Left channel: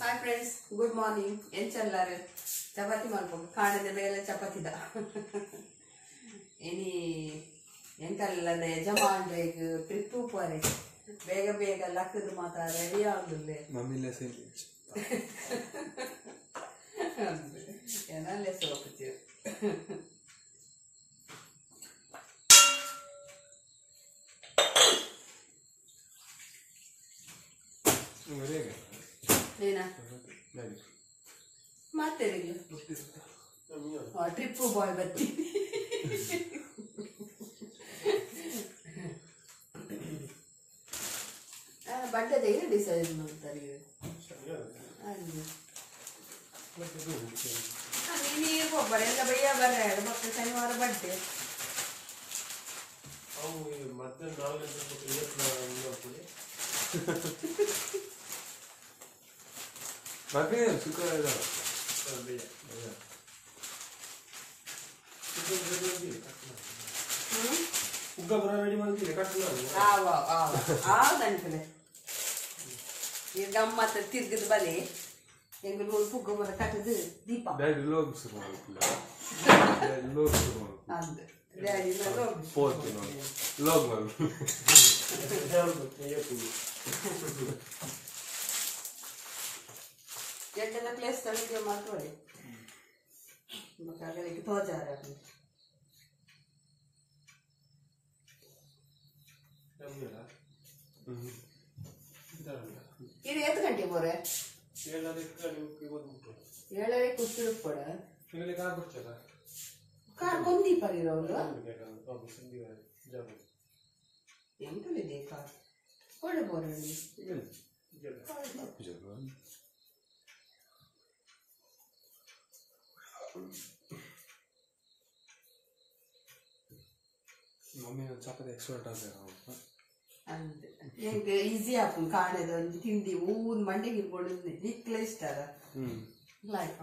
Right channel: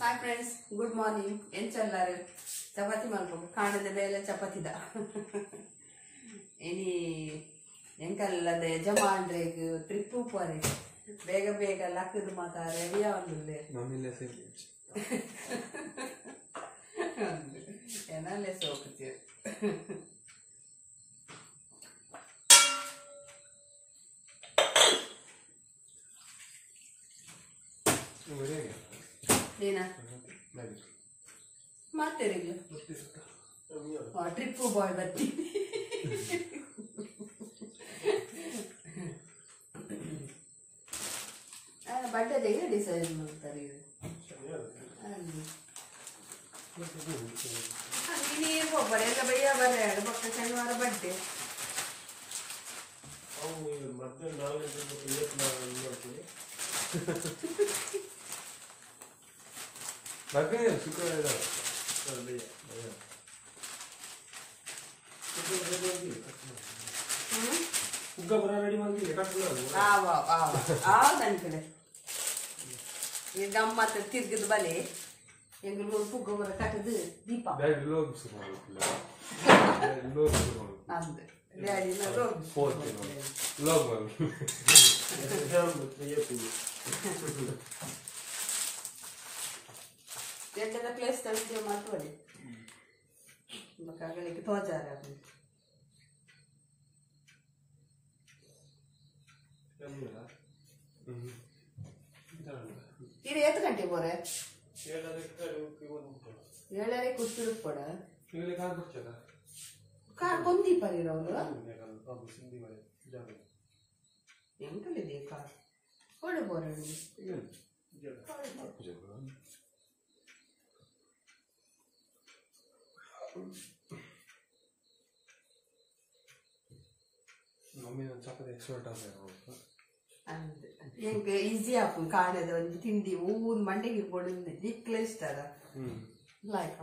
Hi friends, good morning. Enchallare chapati malpoku kaanade bele chapati da. Ini enkallade yajamandrege trip pore. Bega bega lakkadu mata ready agulle. Mamille sele. Enale sokuchu. Lena. Matteriga. Trip boy batti. Birthday day decide ಮಾಡ್ತಾರೆ ನೀನು ಒಬ್ಬರೇ ಎಲ್ಲ ಬಯ್ಯ ಬರ್ರೆ ಮಕ್ಕಳ ಶನಿವಾರ birthday ಅವು ಮತ್ತೆ knowledge ಇವತ್ತು ಬಾಕಿ ಶುಕ್ರವಾರ ಬಯ್ಯ ಬಯ್ಯ ಉಗ್ಗ ಬರ ರೆಡಿ ಮಾಡ್ತೀನಿ ಕಟ್ಟಲ್ಲ ಆವ ಆವ ಆವ ಅನ್ಕಡೆ ಈ ಗಮ್ಮತ್ ತಿರ್ಗದ ಬಲೆ ಎಂಗಲು ಉಗ್ಗ ಬರ ಕಟ್ಟದು ದೀಪ ಬ್ಯಾಗ್ ಲೋಗ್ ಸುಮಾರು ಲೋಗ್ ಸುಮಾರು ಅಂದೆ ಡ್ಯಾಡಿ ನ ಲೋಗ್ ಫೋರ್ತ್ ಲೋಗ್ ಮಾಡಿ ಎಂಟದ ಪ್ಲೇಸ್ ಕಳಿಗೆ ಮಾತೋಡಿ ಮಕಾಗಲಿಗೆ ತೋಜಾರ ಇದು ಎಷ್ಟು ಗಂಟೆ ಬೋರೆ 7:30 ಕೂತ್ಬಿಡು ಪಡ ಕಾರ್ ಕೊಂದಿ ಪರಿರವರು ಎಂಕಲಿದೆ ಕಾರ್ ಕೊಡು ಬೋರೆ ಮಮ್ಮಿ ಒಂದು ಚಪಾತಿ ಎಕ್ಸ್ಪರ್ಟ್ ಆಗ್ತಾರೆ ಅಂತೆ ನಿಂಗೆ ಈಸಿ ಆಪು ಕಾಣದು ಒಂದು ತಿಂಡಿ ಊನ್ ಮಂಡೆಗೆ ಇರ್ಬೋದು ದಿಕ್ಕಲೆ ಇಷ್ಟ ಅಲ್ಲ ಲೈಕ್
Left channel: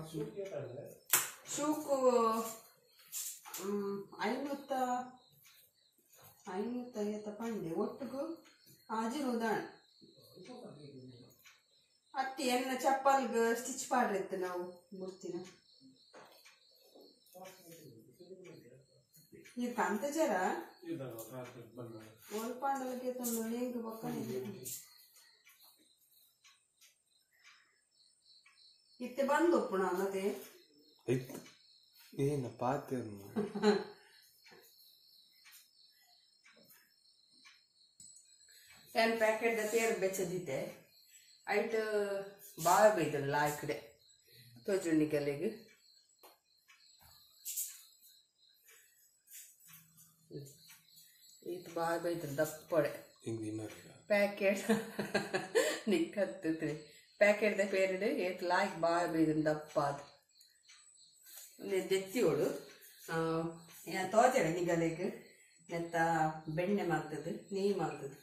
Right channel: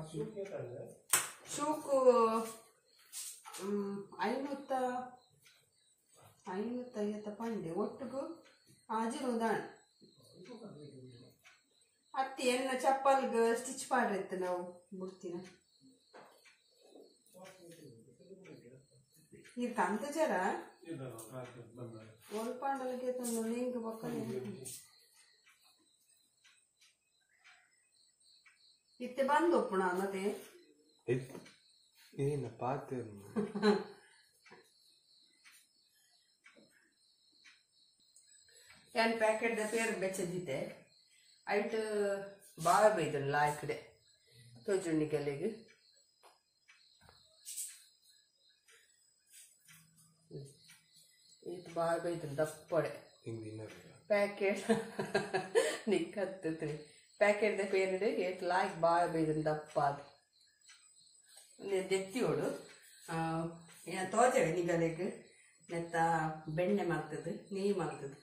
ಶೂಕು 550 ಪಂಡೆ ಒಟ್ಟಿಗೂ ಆಜಿರೋದಾಣ ಅತ್ತಿ ಎನ್ನ ಚಪ್ಪಲ್ಗೆ ಸ್ಟಿಚ್ ಮಾಡಿರ್ತೆ ನಾವು ಬಿಡ್ತೀನ ಇದು ಕಂತ ಜರ ಒಲ್ಪಾಂಡಲಕ್ಕೆ ತಂದು ಲಿಂಕ್ ಬಕ್ಕನೆ ಇತ್ತೆ ಬಂದು ಒಪ್ಪುಣ ಮತ್ತೆ ಏನು ಪಾತೆ ಏನು ಪ್ಯಾಕೆಟ್ ಪೇರು ಬೆಚ್ಚದಿದ್ದೆ ಐಟ್ ಭಾಳ ಬೈದಲ್ಲ ಆ ಕಡೆ ತೋಜುಣ್ಣಿ ಕಲೆಗೆ ಇದು ಭಾಳ ಬೈದು ದಪ್ಪಡೆ ಪ್ಯಾಕೆಟ್ ನಿಕ್ಕತ್ತೈತ್ರಿ ಪ್ಯಾಕೆಟ್ದ ಪೇರಿಡು ಏಟ್ ಲಾಯ್ಕ್ ಭಾಳ ಬೈದು ದಪ್ಪ ಅದು ದೆತ್ತಿಯೋಳು ತೋಜಡೆ ನಿಗಲೆಗೆ ನೆತ್ತ ಬೆಣ್ಣೆ ಮಾಡ್ತದೆ ನೀರು ಮಾಡ್ತದೆ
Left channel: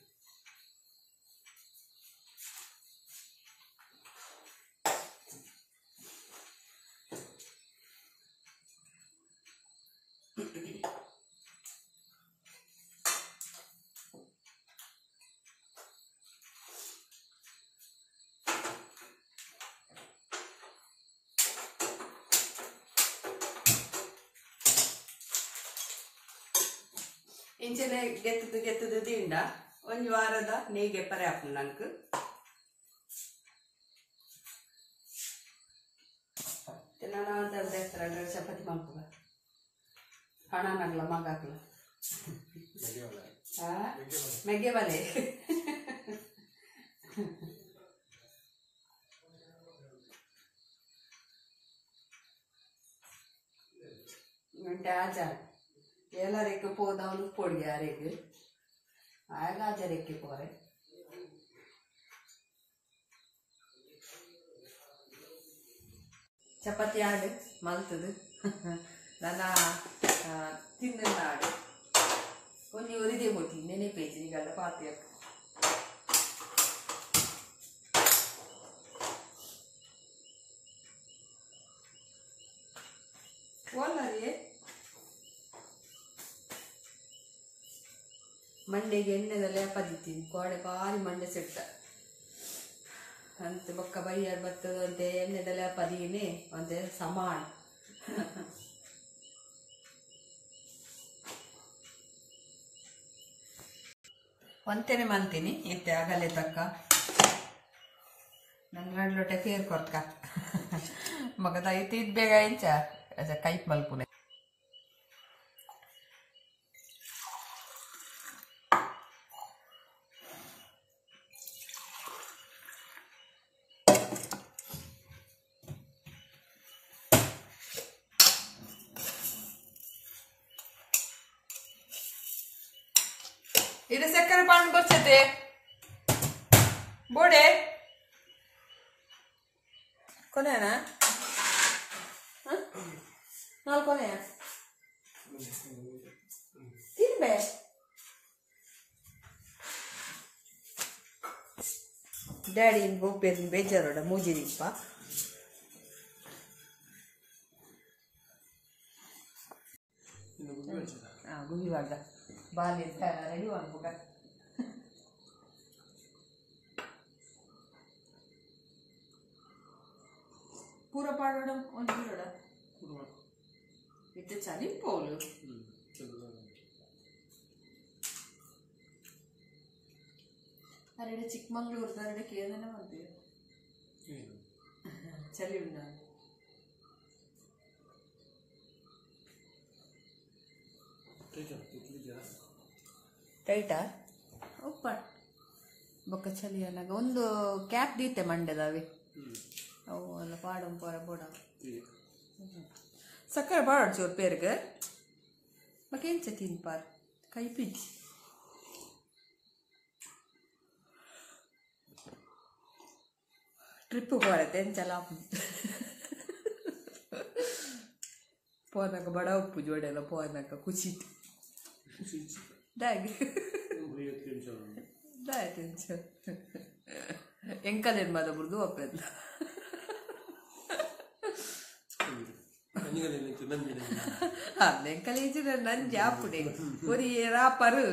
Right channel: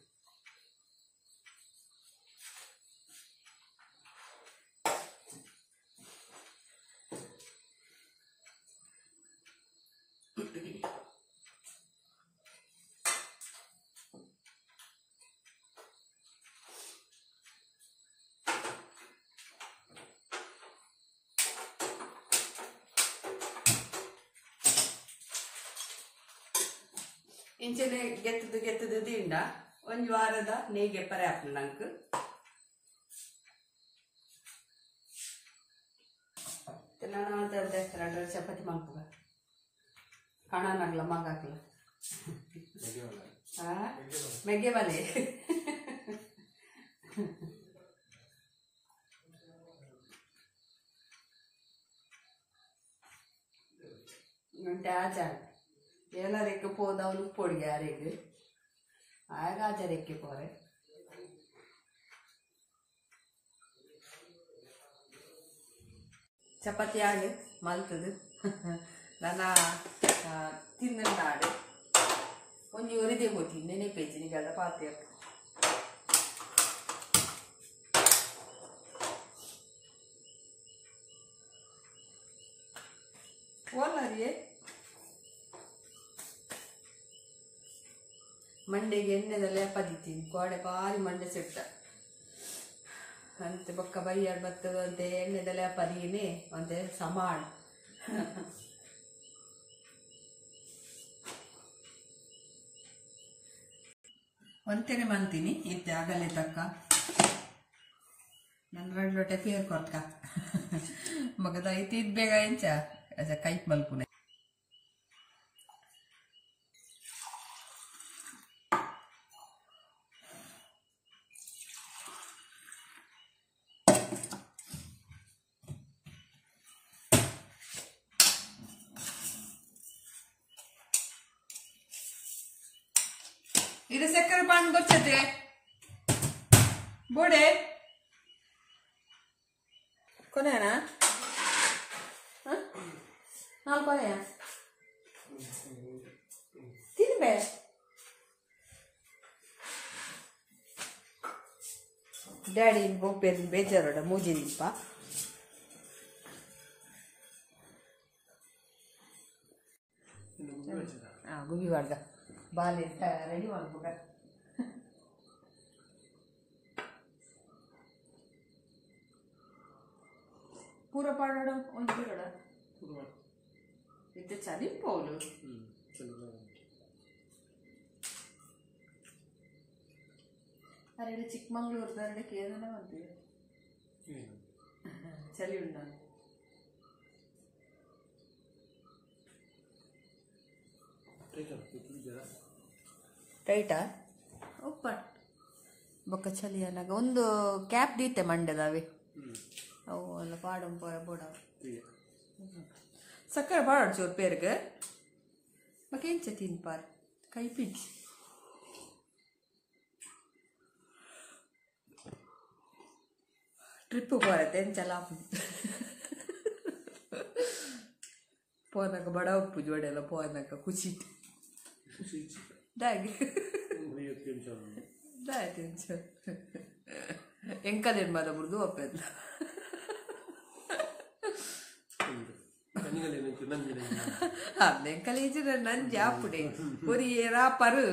ಇಂಚನೆ ಗೆತ್ತದು ದಿಂಡ ಒಂದು ವಾರದ ನೇಗೆ ಪರೆ ಹಾಕು ನಂಗೆ ನಾನು ಅಂತ ಚಪಾತಿ ಮಾಡ್ಕೋ ಹಣನಾಗ್ಲ ಮಗ ಹಾಕ್ಲ ಮೆಗ್ಗೆ ಬಲೆ ಗಂಟೆ ಆಚಾರ ಎಲ್ಲರಿಗೆ ಪೋದವನು ಪೊಡಿಗೆ ಯಾರಿಗೆ ಆಗ ಆಚಾರಕ್ಕೆ ಪೋರೆ ಚಪಾತಿ ಆಡು ಮಲ್ತದು ನನ್ನ ತಿನ್ನ ಆಡು ಒಂದು ಒರಿದೆ ಹೋಗಿ ನೆನೆಪೇಜಿ ನಿಗಲ್ಲ ಪಾತ್ರೆ ಓಲರಿ ಮಂಡೆಗೆ ಎಣ್ಣೆದಲ್ಲೇ ಪದಿತೀನಿ ಕೋಡೆ ಬಾರಿ ಮಂಡೆ ಸೆಟ್ಟ ಅಂತೆ ಬೊಕ್ಕ ಬೈಯಾಡ್ ಬರ್ತದೆ ಅಂತೆ ಎಣ್ಣೆದೆಲ್ಲ ಪದೀನಿ ಅಂತೆ ಸಮಾಡ್ ಒಂತೇನೆ ಮಂತೀನಿ ಇತ್ತೆ ಆಗಲೇ ತಕ್ಕ ನನ್ನ 2 ಲೋಟ ಪೇರ್ ಕೊಡ್ಕ ಮಗದ ಐತಿ ಬೇಗ ಇಂಚ ಅದ ಕೈಪ್ ಮಲ್ಪುನೆ ಇದು ಸಕ್ಕರೆ ಪಾನ್ ಬಚ್ಚತೆ ಬೋಡೆ ಕೊನೆನಾ ನಾಲ್ಕು ಕೊನೆಯ ತಿನ್ಬೆ ಡ್ಯಾಡಿ ಗೋಪೇನ್ ಬೇಜಾರೋಡ ಮೂಜಿದಿಪ್ಪ ಗುಗಿ ಮಾಡ್ದ ಬಾಲಿ ರೆಡಿ ಮಾಡ್ಬೇಕ ಪೂರ ಪಾಡೋಡ ಒಂದು ಬಿಡೋಡ ಇತ್ತೆ ಚಲಿ ಪೋಲು ಅರೆಡೆ ಚಿಕ್ಕಮಂಗ್ಳೂರ್ದ ಅರೆಡೆ ಕೇಂದ್ರನೇ ಮಾಡ್ತೀವಿ ಚಳಿ ಉಂಡ ಟೈಟಾ ಉಪ್ಪ ಬೊಕ್ಕ ಚಳಿ ಅನ್ನಾಗ ಒಂದು ಕ್ಯಾಪ್ ದೀತೆ ಮಂಡದವೆ ಅವು ಎಲ್ಲ ಪಾಡಂ ಪೋರ ಬೋಡ ಸಕ್ಕರೆ ಪಾಡ ಚೋರ್ ಪೇರ್ಗೆ ಮಕ್ಕೇಂಚ ತಿನ್ಪಾರ್ ಕೈ ಪಿಚ್ಚಿ ಟ್ರಿಪ್ ಹೋರತ್ತೆ ಎಂಚಲ ಪೋನಕ ಬಡ ಉಪ್ಪು ಜೋಡೆಲ್ಲ ಪೋನಕ ಕುಚಿಟ್ ಡಾಗಿ ಡಾಯ್ ತಿಂಚ ಎಂಕಲೇನ್ ಮಾದ ಬುರ್ದು ಒಪ್ಪೆಲ್ಲ ಎಂಕಲೇಜ್ ನನ್ ಜಾಪುಡೆ Puri ರಾಪರು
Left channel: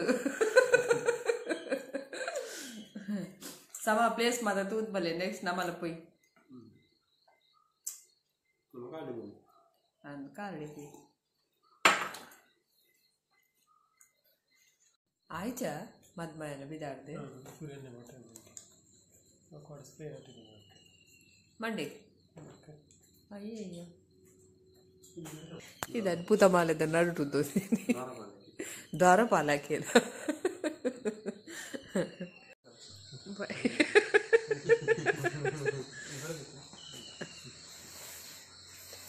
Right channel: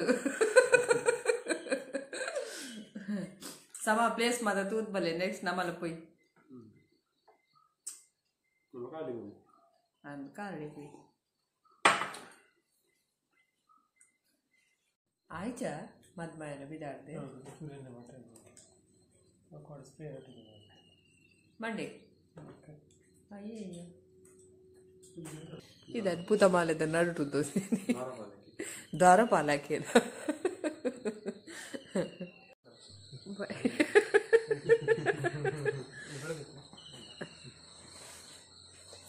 sama place mata tut bale next namala poi and kali poi aija madmayana bidarde surenne mata akod spray attu monday ayyo ಇದು ಅದ್ಭುತ ಮಾಲದ ನಡುಟುದ್ದು ದಾರಪಾಲಕೇನ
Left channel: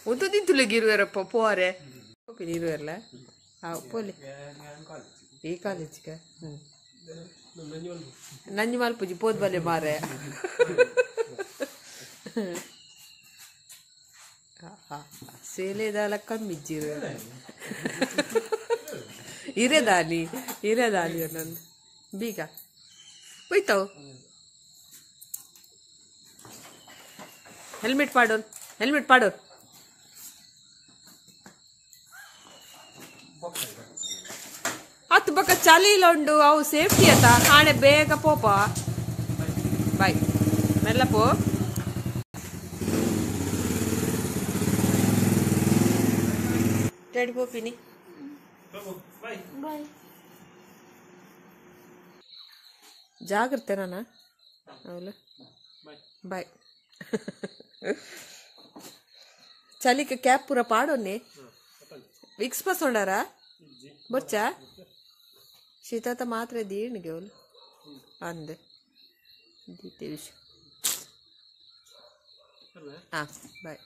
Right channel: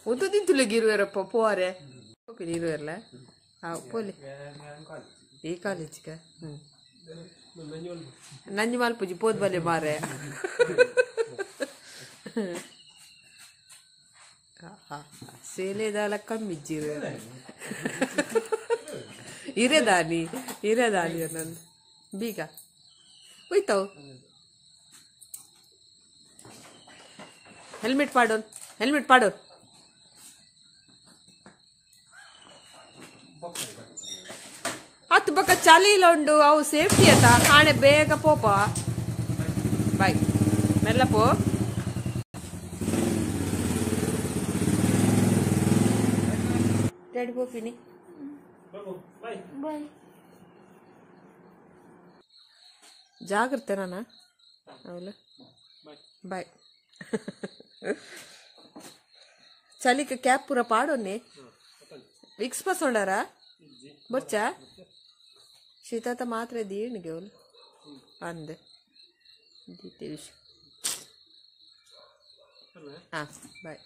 ಒಂದು ತಿಂತುಲೆಗೆ ಇರುವರಪ್ಪ ಪೋರೆ ಹೋಗಿ ಇರುವರಲ್ಲ ಪೋಲಿ ಈ ಕಾಲೇಜ್ಗೆ ನಂಜಿ ಮಲ್ಪುಜಿ ಪೋದ್ ಬಲೆ ಮಾರೆ ಸೇಲೆದಾಲ ಕಮ್ಮಿಜ್ಜಿರು ಇರೇದಾನಿ ನಂದು ಬೀಗ ಹೋಯ್ತಾವು ಹೆಲ್ಮೆಟ್ ಪಾಡೋನ್ ಹತ್ತು ಬಕ್ಕ ಚಳಿ ಇಲ್ಲ ಉಂಡು ಅವು ಸೇಫ್ಟಿ ಅತ್ತ ಕಾಣೆ ಬೇಗ ಪೋಪ ಬಾಯ್ ಮೆಲ್ಲ ಪೋ ಡ್ಯಾಡಿ ಪೋಪಿನಿ ಬಾಯ್ ಜಾಗ್ರತೆ ನಾನ ಅವಳ ಬಾಯ್ చలికి క్యాప్ పూర పాడోన్ని విక్స్ పస్ ఉండారా బొచ్చా ಶೀತಾತ ಮಾತ್ರ ದೀಣಿಗೆ ಅವಳು ಅಂದೆ ತಿಳಿಸಿ ಹಾಂ ಬಾಯ್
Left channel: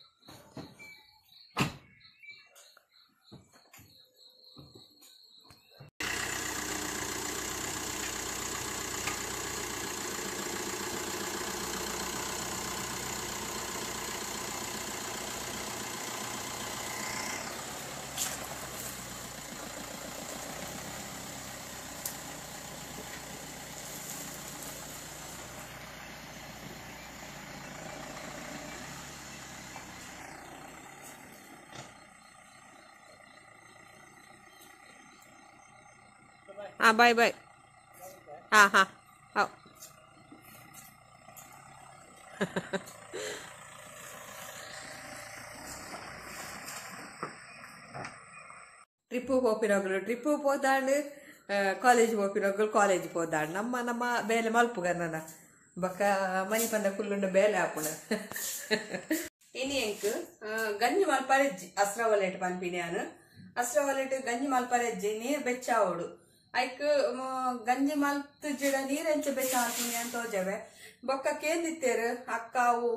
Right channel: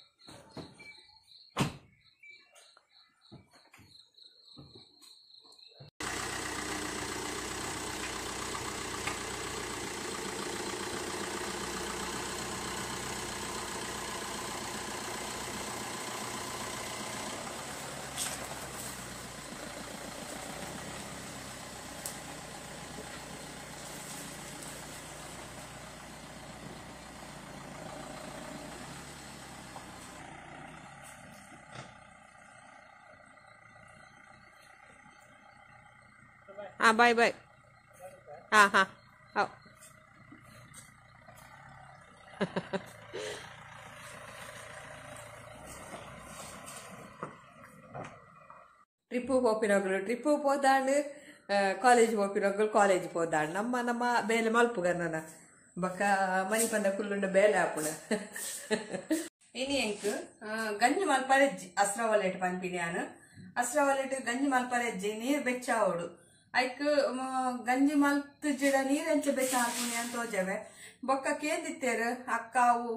हाँ बाय बाय हाँ हाँ आओ ಟ್ರಿಪ್ಪು ಹೋಪಿನೋಗ್ಲು ಟ್ರಿಪ್ಪು ಹೋದಾಂಡು ಕಾಲೇಜ್ ಹೋಪಿನೋಗ್ಲು ಕಾಲೇಜ್ ಹೋದಾಂಡು ನಮ್ಮ ಬೇಲೆ ಮಲ್ಪುಗನ್ನ ಬಕ್ಕ ಮನಿ ಪಂದ ಕುಲ್ಲುಂಡ ಬೇಲೆ ಆಪುಣ ಇನಿ ಎಂಕ್ ಗಂಜಿ ಮಲ್ಪರೆಜ್ಜಿ ಅಸ್ರವಲೆಟ್ ಪನ್ಪಿನ್ಯಾನು ಅಸ್ರವಲೆಟ್ ಗಂಜಿ ಮಲ್ಪರೆಜ್ಜಿ ನೀರ್ ಬೆಚ್ಚಾವೋಡು ಐಕ್ ಗಂಜಿ ಮಲ್ತ್ ಜಿಡ ನೀರ್ ಎಂಚ ಬೆಚ್ಚ ಹಾಕ್ಪುನಿ ಅಂತ ಹೋಜವೆ ಬೊಕ್ಕ ಕೇಂದಿತ್ತೇರು ಅಕ್ಕ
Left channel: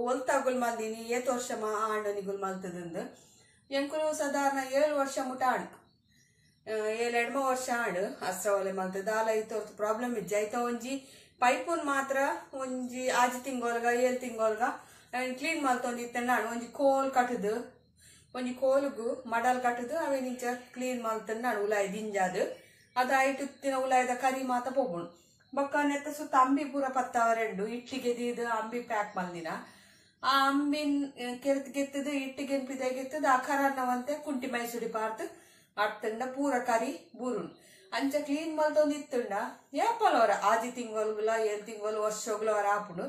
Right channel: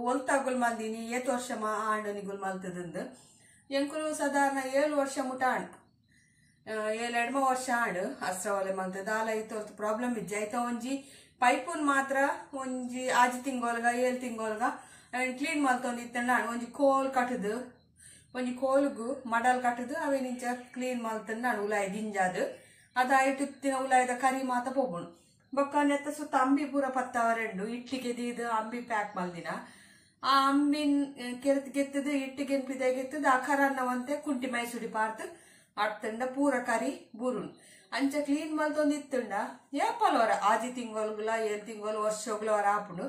ಒಲ್ತಾಗುಲ್ ಮಲ್ದಿನಿ ಏತ್ ವರ್ಷ ಆಂಡನಿಗುಲ್ ಮಲ್ತದಂದು ಎಂಕುಲು ಸಾಧಾರಣ 7 ವರ್ಷ ಮುಟ ಆಂಡ್ 7 ವರ್ಷ ಆಂಡ್ ಅಸ್ರವಲೆ ಮಲ್ತದ ಆಲ ಇತ್ತೊರ್ತು ಪ್ರಾಬ್ಲಮ್ ಇಜ್ಜಿ ಐತ ಒಂಜಿ ಪೈಪುನ್ ಮಾತ್ರ ಒಂಜಿ 6 ತಿಂಗೊಲ್ಗ 7 ತಿಂಗೊಲ್ಗ ಕ್ಲೀನ್ ಮಲ್ತೊಂದಿತ್ತಂಡ ಒಂಜಿ ಕೋಲ್ ಕಟ್ಟದು ಒಂಜಿ ಕೋಲ್ಗು ಮಡಲ್ ಕಟ್ಟದು ಅವೇನಿಂಚ ಕ್ಲೀನ್ ಮಲ್ತಂಡ ಉಲಾಯಿ ದಿಂಜಾದು ಅದ ಐಟುತ್ತಿನ ಉಲಾಯ್ದ ಕರಿ ಮಾತ ಪೋಗುಣು ಬೊಕ್ಕ ನೆತ್ತ ಸುತ್ತ ಅಂಬಿ ಪೂರ ಪತ್ತವರೆಂಡು ಇಟ್ಟಿಗೆ ದೀದು ಅಂಬಿ ಪ್ಯಾಕ್ ಮಲ್ದಿನ ಆ ಅಂಬಿನ್ ಕೆತ್ತದು ಇಟ್ಟಿಗೆ ಪಿದಾಗೆತ್ತದ ಆ ಕರನ್ನವಂತೆ ಕುಂಟಿ ಮೈಸೂರಿ ಪಾರ್ತ್ ಅಡ್ತಂಡ ಪೂರ ಕರಿ ಬೂರುಣು ಅಂಚ ಕ್ಲೀನ್ ಮಲ್ತೊಂದಿತ್ತಂಡ ಏಪಲವರ 6 ತಿಂಗೊಲ್ಗುಲ 7 ತಿಂಗೊಲು ವರ್ಷೋಗ್ಲು ಅವರ ಆಪುಂಡು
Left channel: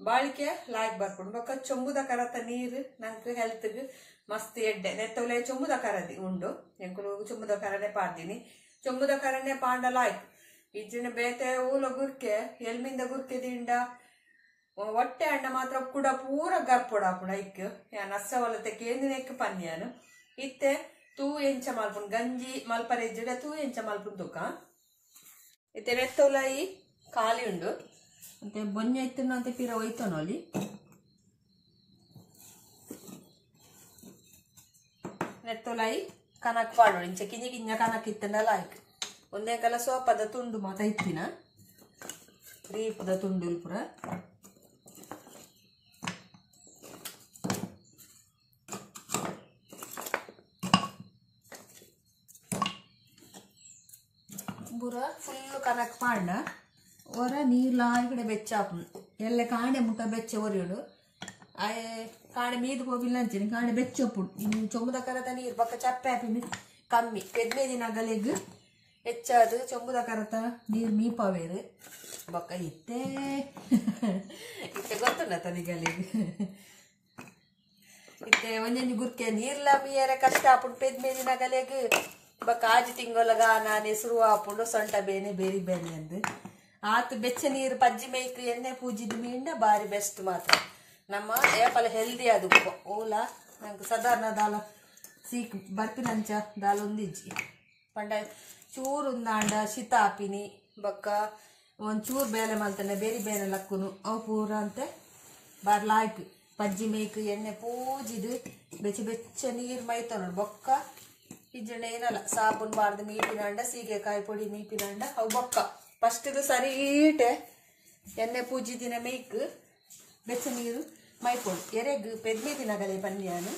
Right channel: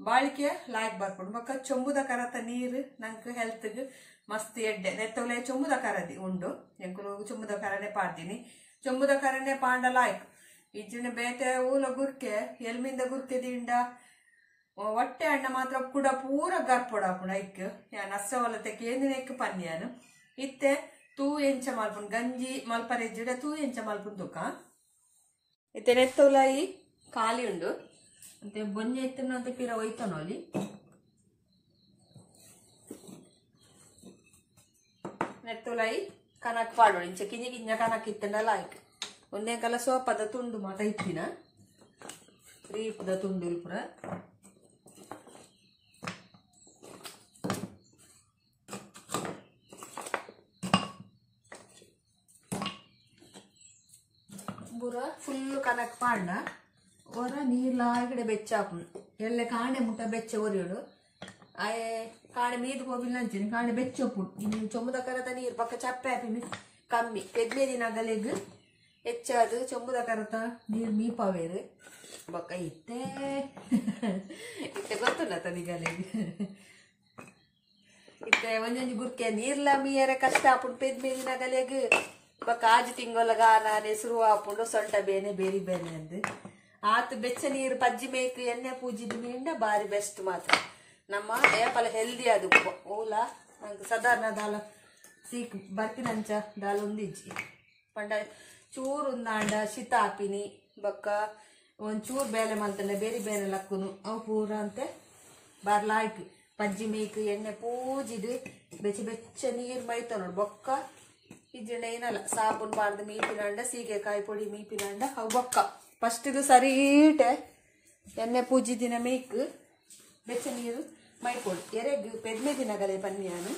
ಬಾಳಿಕೆ ಲಾಯ್ಕ್ ಬರ್ಪುಂಡು ಬೊಕ್ಕ ಚೊಂಬುದ ಕರತ ನೀರು ನಂಕ್ ಹೆಲ್ತ್ಗ್ ಮಸ್ತ್ ಎಡ್ಡೆ ನೆತ್ತವಲೆ ಚೊಂಬುದ ಕರದಿ ಉಂಡು ಎಂಕುಲು ಚೊಂಬುದ ಕರನೆ ಪಾಡ್ದಿನಿ ಚೊಂಬುದ ಕರನೆ ಪಾಂಡ ಲಾಯ್ಕ್ ಇಜ್ಜಿನ ಬೇತೆ ಊಲ ಗುರ್ಕೆ ಎಲ್ಮಿಂದ ಗುರ್ಕೆ ದಿಂಡ ಹೊಟ್ಟೆ ಅಣ್ಣ ಮಾತ್ರ ಕೂಡ ಪೂರ ಗರ್ಪೊಡಾಪುಣ ಐಕ್ ಯಾನ್ ಅಸ್ಸವಲತೆ ಕೇಂದಿನೆಕ್ ಪನ್ಯಾನು ಇತ್ತೆ ತೂ ಎಂಚ ಮಲ್ಪುನ್ ಗಂಜಿ ಮಲ್ಪರೆಜ್ಜಿಡ ತೂ ಎಂಚ ಮಲ್ಪುನ್ ತುಕ ಇತ್ತೆ ನೆತ್ತವಲಾಯಿ ಖಾಲಿ ಉಂಡು ಅಂತೆ ಬೊನ್ನೆ ಇತ್ತನ ಅಂತ ಪಿರ ಒಯ್ತನೋಲಿ ನೆತ್ತವಲಾಯಿ ಕನಕ್ ಪಾಡೋಳು ಇಂಚ ಕಿಂಜ ಕನಕ್ ಇತ್ತಂಡಲ್ಲ ಆಯ್ತು ಒಂದೇ ಕಲ ಸೋಪದ ತುಂಡು ಮಾತ ಇತ್ತಿನ ರೀಪದ ತುಂಡು ಪುರ ಬುರ ಫುಲ್ ಕನಕ್ ಪಾಂಡ ಒರ ನೀರ್ಲಾಗಡೆ ಬೆಚ್ಚಾಪು ಎಲ್ಲ ಕಾಣೆ ಮುಟ ಬೆಚ್ಚ ಒರಿಯೋಡು ಆಯೆ ಕಾಣೆ ಮೀದು ಹೋಗಿಲ್ಲ ಅಂಚಿನ ಕಾಣೆ ಬೆಚ್ಚೊಪ್ಪು ಇನ್ನು ಚೊಂಬುದ ಕರತ ನೀರು ಪಕ್ಕ ಚಪ್ಪೆ ಹಾಪಿ ಕಮ್ಮಿ 15 ದಿನ ಗಲೆಗ್ ಹೆಚ್ಚಾದು ಚೊಂಬುದ ಕರತ ನೀರು ಮೀಪವೇರು ಬೊಕ್ಕ ಇತ್ತೆ ಗೊತ್ತುಂಡ ತನಿಗಲೆಗ್ ಇತ್ತೆ ಒಂಜೊಂಜಿ ಗುರ್ಕೆ ನೀರ್ಲ ಮೀಯರೆ ಕಷ್ಟ ಆಪುಂಡು 15 ದಿನ ಗಲೆಗ್ ಬೊಕ್ಕ 6 ತಿಂಗೊಲಗ ನಾನೇ ಶುರು ಆಪುಂಡು ಸೊಂಟ ಬೇನೆ ಬೇರಿ ಬೇನೆ ಅಂದು ಆತ ಬೆಚ್ಚ ನೀರು ಪಜ್ಜಿ ಮೇಯ್ಕ್ ಎಣ್ಣೆ ಪೂಜಿದ ಮೀಂಡ ಬಾರಿ ಬೆಸ್ಟ್ ಮಾತ್ರ ನಮ್ಮ ಏಪಲ ಹೆಲ್ದಿ ಅದು ಓಲ ನಂಗೆ ಸಾಧಾರಣ ದಾಲ ಸೀಕ್ ಬರ್ಪಿನಂಚ ದಾಲ ಒಂದಿಜ್ಜಿ ಪಂಡ ಚೂರು ಉಂದಾಂಡ ಶಿತ ಹಾಪಿನಿ ಬೊಕ್ಕ ಒಂಚೂರು ಬೇಲೆ ಮಲ್ತಂಡೆ ಬೇರೆ ಬೇರೆ ಲಕ್ಕುನು ಅವು ಪೂರ ಅಂತೆ ಬಾರಿ ಲಾಯ್ಕ್ ಪಜ್ಜಿ ಮೇಯ್ಕ್ ಎಣ್ಣೆ ಪೂಜಿದು ಬೆಚ್ಚ ಬೆಚ್ಚ ನೀರು ಮೈತ ನೋಡು ಬೊಕ್ಕ ಇಜ್ಜೆಣ್ಣೆ ಏನಲ್ಲ ಸಾಬೂನ್ ಬಾರ್ದು ಮೀಪಿನಂಡ ಸೀಗೆಕಾಯಿ ಪೊಡಿ ಮೀಪಿನಂಡ ಅವು ಬೊಕ್ಕ ಫಸ್ಟ್ ಇದು ಸರೀಟೆ ಎಣ್ಣೆ ಪೂಜಿದಿನ ಮೇಯ್ಕ್ ಬೆಚ್ಚ ನೀರು ಮೈಪೊಡು ಎರೆಗ್ 15 ದಿನಗಳೇ ಪನ್ಯಾನು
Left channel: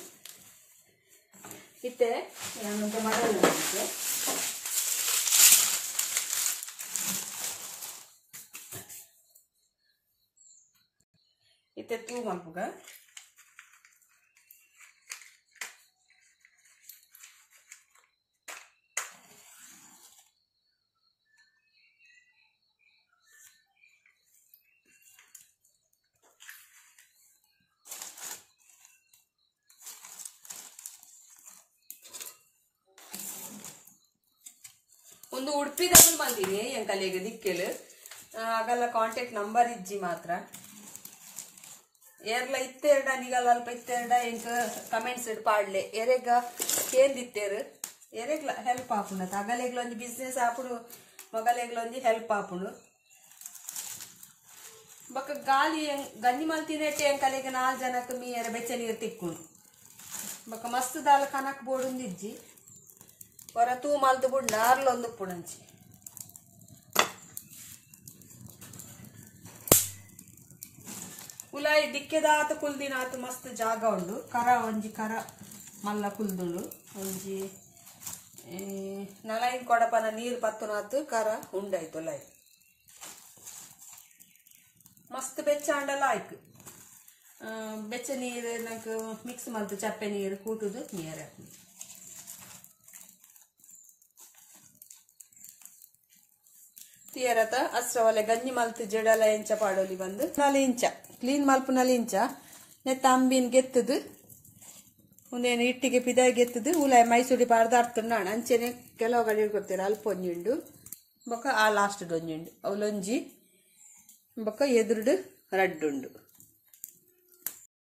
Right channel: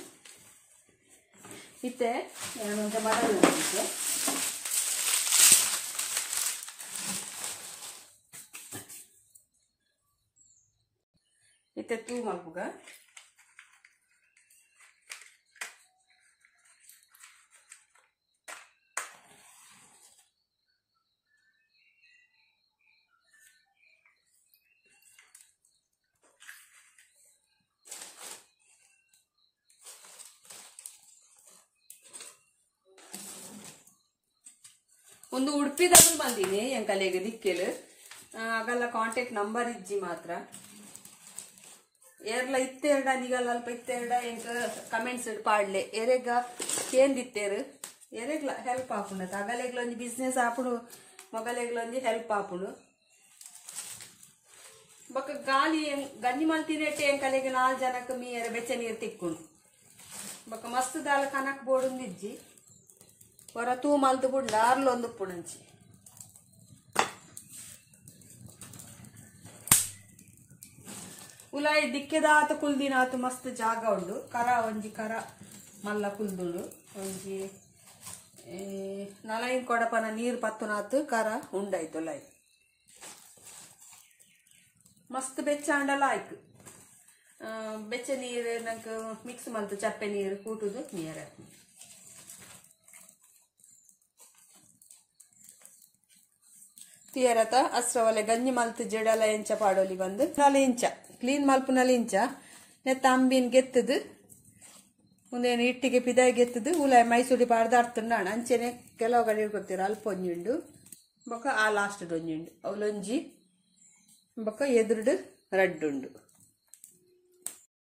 ಇತ್ತೆ ಏನಂತ ಮಾಡಲ್ಲ ಇತ್ತೆ ತೂ ಮಲ್ಪುಗ ಒಂದು ಉಡುಪಿದಲ್ಲಿ ಬಂದಿನಿ ಎಂಕಲೆಗೆ ದಿಕ್ಕೆಲು ಆಗಲ್ಲ ಕಾಂಟ್ಯಾಕ್ಟ್ ನಂಬರ್ ಇಜ್ಜಿ ಮಾತ್ರ ಏರ್ಲ ಇತ್ತೆರಡ ನಿಗಲ್ಲ ಅಲ್ಪ ಇತ್ತೆರಡ ಎಂಕ ಕಮೆಂಟ್ಸ್ ಪಾಡ್ಲೆ ಎರೆಗ ಕೇಂದಿತ್ತೇರು ಎರೆಗ್ಲ ಹೆಲ್ಪ್ ಆಪುಂಡು ಅಗಲೆಗ್ಲ ಒಂಜಿ ಬಿಸ್ನೆಸ್ ಆಪುಡು ಮೊಗಲೆಗ್ಲ ಒಂಜಿ ಹೆಲ್ಪ್ ಆಪುಂಡು ಬೊಕ್ಕ ಗಾಲಿ ಗಂಜಿ ಮಲ್ತಿನೆಟ್ಟೆ ಎಂಕಲೆಗೆ 4 ಜನಕ್ಕೆ ಮೀಯರ ಬೆಚ್ಚ ನೀರು ತಿಕ್ಕುಂಡು ಬೊಕ್ಕ ಮಸ್ತ್ ದಾಲ ಕನಕ್ ಬೋಡುಂದಿಜ್ಜಿ ಹೊರ ತೂ ಮಲ್ತು ಬುಂಡ ಆರ್ಲೊಂದು ಉಪ್ಪುಣಂಚಿ ಉಲಾಯಿ ದಿಕ್ಕೆದಾತ ಕುಲ್ದಿನಾತು ಮಸ್ತ್ ಜಾಗ ಉಂಡು ಕರ ಒಂಜಿ ಕರ ಮಲ್ಲ ಕುಲ್ದುಂಡು ಒಂಜಿ 4 ಕೊಡಪನ ನೀರು ಪತ್ತುನಾತು ಕರ ಉಂಡಾಯ್ತು ಉಲಾಯಿ ಮಸ್ತ್ ಬೆಚ್ಚ ಅಂಡಲ್ಲ ಆಯ್ತು ಬೆಚ್ಚ ನೀರು ನಂಗೆ ಮಿಕ್ಸ್ ಮಲ್ತು ಚಪ್ಪೆ ನೀರು ಕೂಟುದು ನೀರು ತಿಯರತ ಅಸ್ರವಲೆ ಗಂಜಿ ಮಲ್ತು ಜಡಲ ಎಂಚ ಪಾಡೋಲಿ ಬಂದು 4 ಇಂಚ ಕ್ಲೀನ್ ಮಲ್ಪನಲ್ಲಿ ಇಂಚ ನೆತ್ತ ಅಂಬಿನ್ ಗೆತ್ತದು ಒಂದೇನು ಇಟ್ಟಿಗೆ ಪಿದಾಯಿ ಗೆತ್ತದು ಉಲಾಯಿ ಮೈಸೂಡಿ ಪಾರ್ದಾಡ್తున్నాడు ಅಂಚೆನೆ ಕೆಲವು ಕಡೆ ಇಡ್ಕೊಡ್ತೀರ ಅಲ್ಪ ಒಂಜುಂಡು ಬೊಕ್ಕ ಆ ಲಾಸ್ಟ್ ಒಂಜುಂಡು ಅವಲೊಂಜಿ ಬೊಕ್ಕ ಎದುರುಡು ರಡ್ಡುಂಡು